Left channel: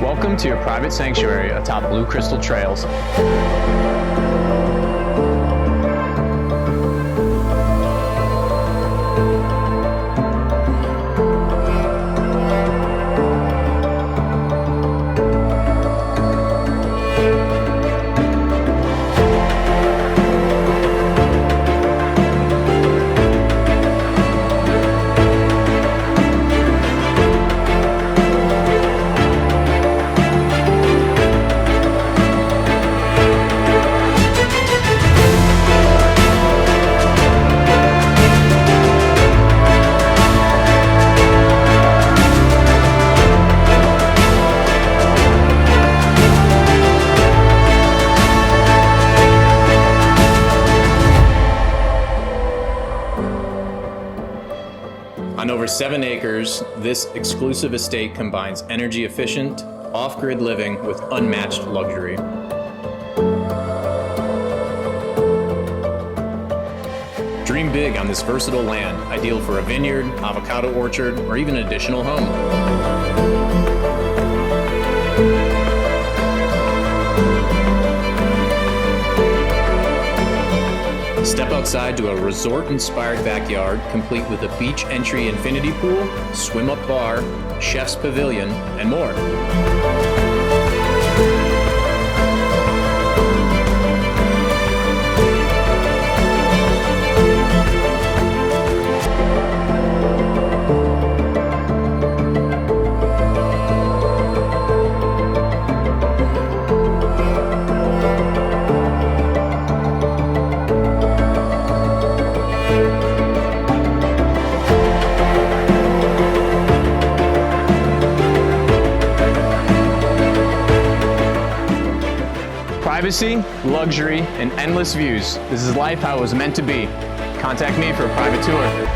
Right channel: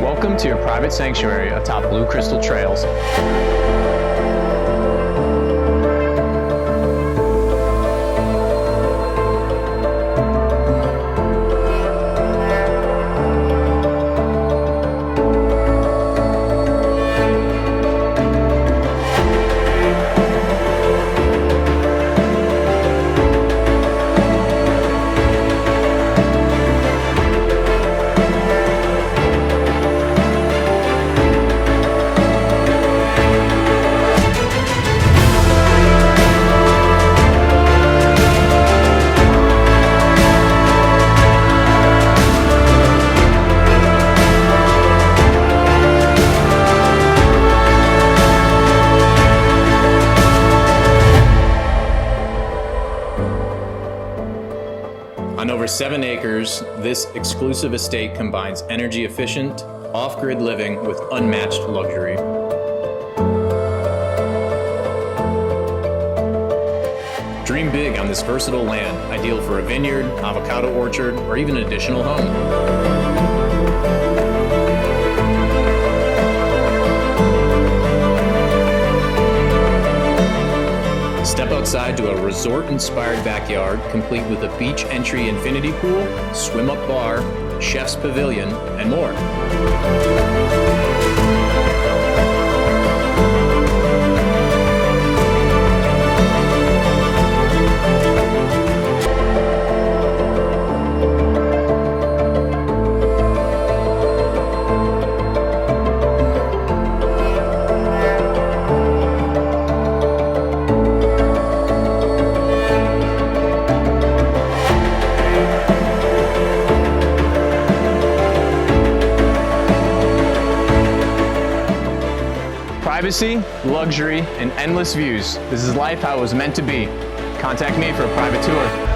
Welcome to your private sanctuary atop blue crystal trails. On over 7 acres, this exclusive estate combines energy-efficient, off-grid living with unmatched luxury. Dream big on this versatile land, ideal for a vineyard, avocado orchard, or even an additional home. Step outside to a resort-inspired backyard, complete with a beach entry infinity pool, swim-up bar, chef's pavilion, and more. Privacy, luxury, and endless views. This is life how it was meant to be. Contact me for a private tour.